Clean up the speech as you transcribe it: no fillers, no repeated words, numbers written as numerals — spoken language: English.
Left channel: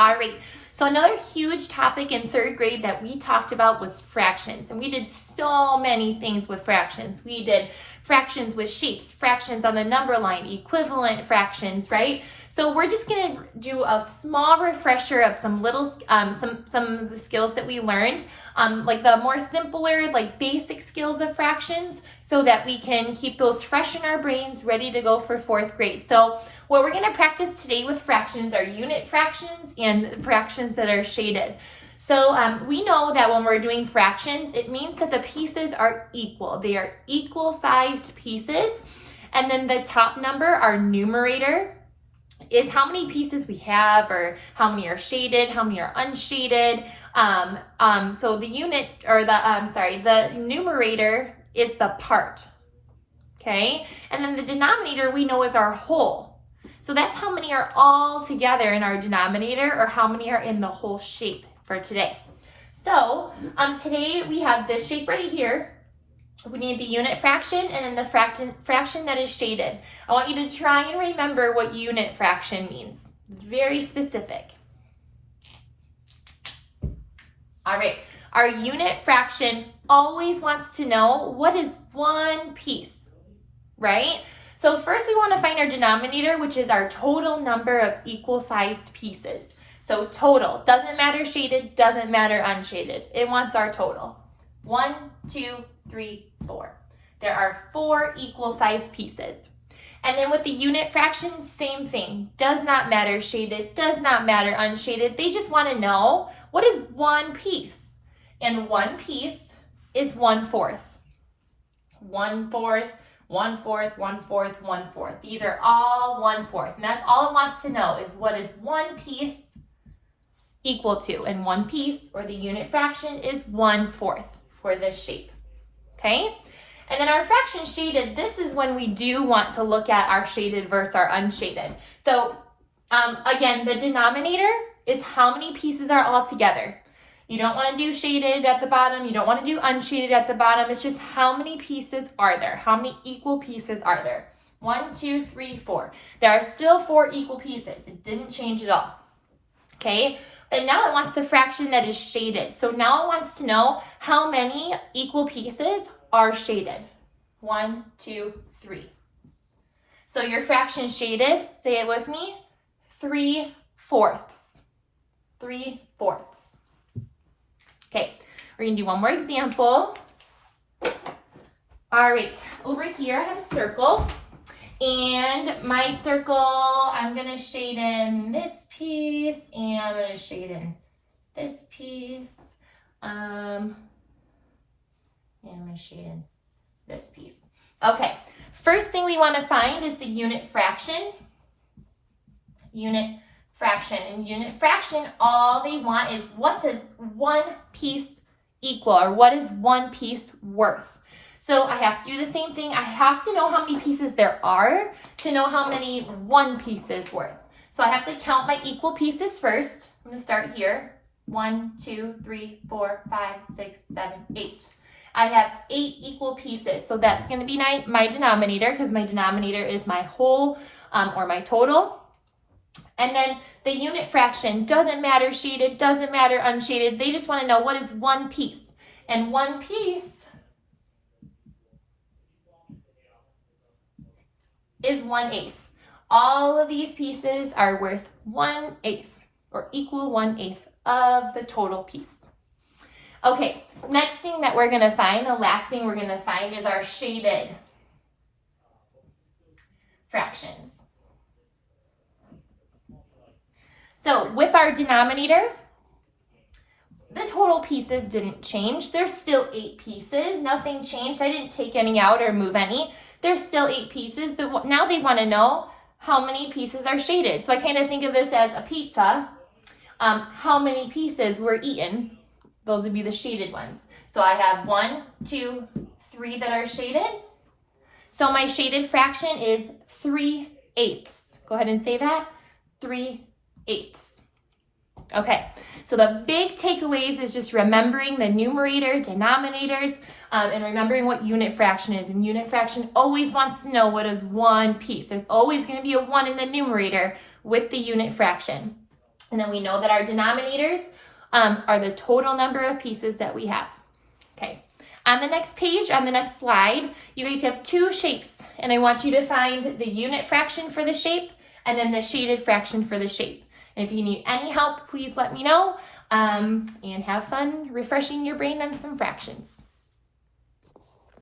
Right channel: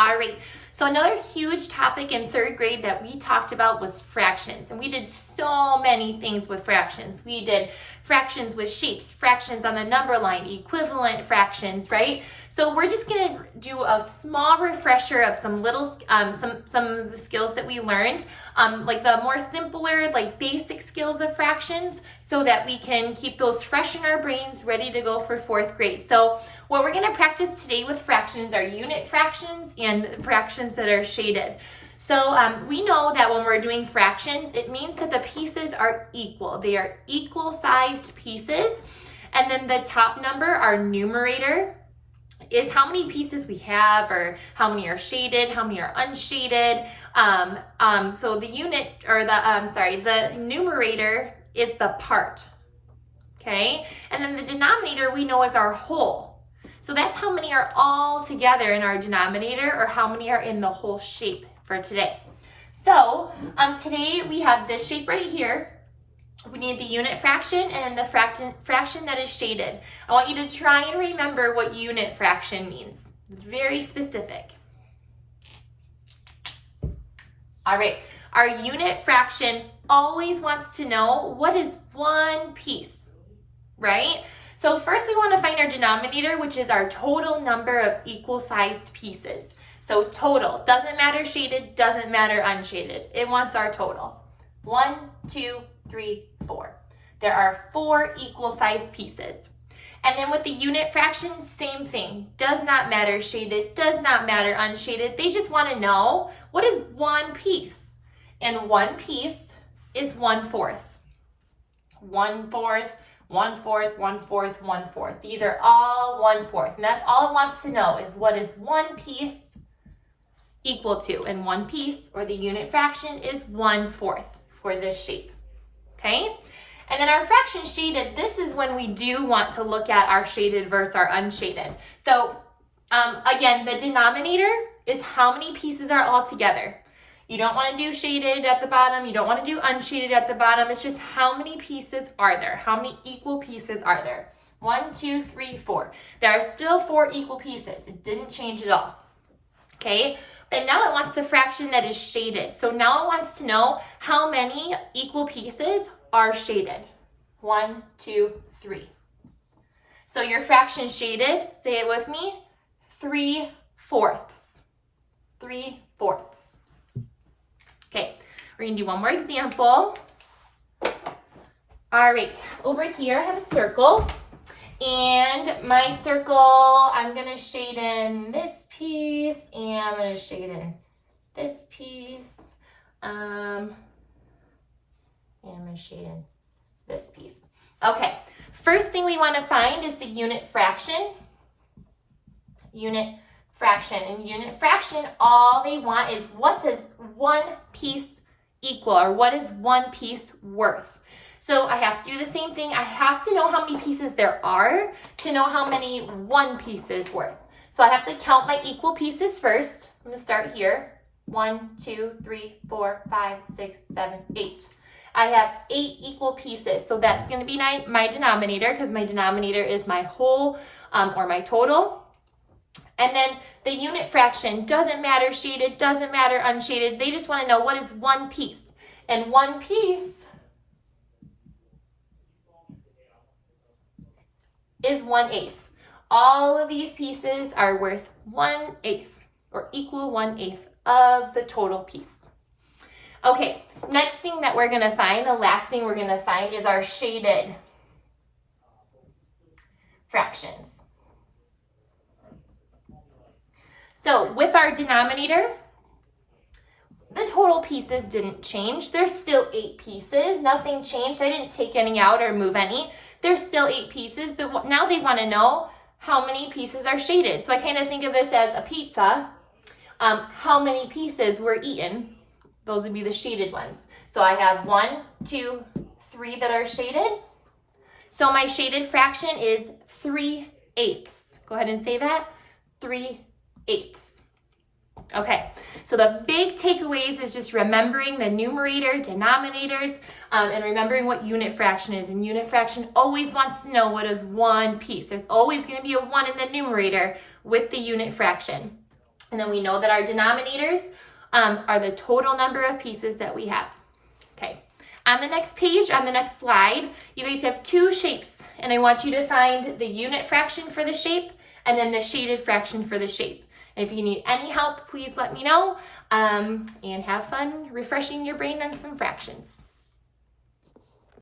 All right, so another huge topic in third grade that we talked about was fractions. And we did so many things with fractions. We did fractions with shapes, fractions on the number line, equivalent fractions, right? So we're just gonna do a small refresher of some of the skills that we learned, like the more simpler, like basic skills of fractions, so that we can keep those fresh in our brains, ready to go for fourth grade. So what we're gonna practice today with fractions are unit fractions and fractions that are shaded. So we know that when we're doing fractions, it means that the pieces are equal. They are equal sized pieces. And then the top number, our numerator, is how many pieces we have, or how many are shaded, how many are unshaded. So the the numerator is the part, okay? And then the denominator we know is our whole. So that's how many are all together in our denominator, or how many are in the whole shape for today. So today we have this shape right here. We need the unit fraction and the fraction that is shaded. I want you to try and remember what unit fraction means. It's very specific. All right, our unit fraction always wants to know what is one piece, right? So first we want to find our denominator, which is our total number of equal-sized pieces. So total, doesn't matter shaded, doesn't matter unshaded. It wants our total. 1, 2, 3, 4. There are 4 equal-sized pieces. And then with the unit fraction, same thing. Does not matter shaded, does not matter unshaded. They just want to know what is one piece. And one piece is 1/4. 1/4, 1/4, 1/4, 1/4. These are all 1/4. And that's all it wants to know, is what is one piece equal to. And one piece, or the unit fraction, is 1/4 for this shape. Okay? And then our fraction shaded, this is when we do want to look at our shaded versus our unshaded. So again, the denominator is how many pieces are all together. You don't want to do shaded at the bottom. You don't want to do unshaded at the bottom. It's just how many pieces are there? How many equal pieces are there? 1, 2, 3, 4. There are still 4 equal pieces. It didn't change at all. Okay? But now it wants the fraction that is shaded. So now it wants to know how many equal pieces are shaded. 1, 2, 3. So your fraction shaded, say it with me, 3/4. 3/4. Okay, we're gonna do one more example. All right, over here I have a circle. And my circle, I'm gonna shade in this piece, and I'm gonna shade in this piece. And I'm gonna shade in this piece. Okay, first thing we wanna find is the unit fraction. Unit fraction. And unit fraction, all they want is what does one piece equal, or what is one piece worth? So I have to do the same thing. I have to know how many pieces there are to know how many one piece is worth. So I have to count my equal pieces first. I'm gonna start here. 1, 2, 3, 4, 5, 6, 7, 8. I have 8 equal pieces. So that's gonna be my denominator, because my denominator is my whole, or my total. And then the unit fraction, doesn't matter shaded, doesn't matter unshaded. They just wanna know what is one piece. And one piece is 1/8. All of these pieces are worth 1/8, or equal 1/8 of the total piece. Okay, next thing that we're gonna find, the last thing we're gonna find, is our shaded fractions. So with our denominator, the total pieces didn't change. There's still 8 pieces, nothing changed. I didn't take any out or move any. There's still 8 pieces, but now they want to know how many pieces are shaded. So I kind of think of this as a pizza. How many pieces were eaten? Those would be the shaded ones. So I have 1, 2, 3 that are shaded. So my shaded fraction is 3/8. Go ahead and say that. 3/8. Okay, so the big takeaways is just remembering the numerator, denominators, and remembering what unit fraction is. And unit fraction always wants to know what is one piece. There's always going to be a 1 in the numerator with the unit fraction. And then we know that our denominators are the total number of pieces that we have. Okay, on the next page, on the next slide, you guys have two shapes, and I want you to find the unit fraction for the shape and then the shaded fraction for the shape. And if you need any help, please let me know, and have fun refreshing your brain on some fractions.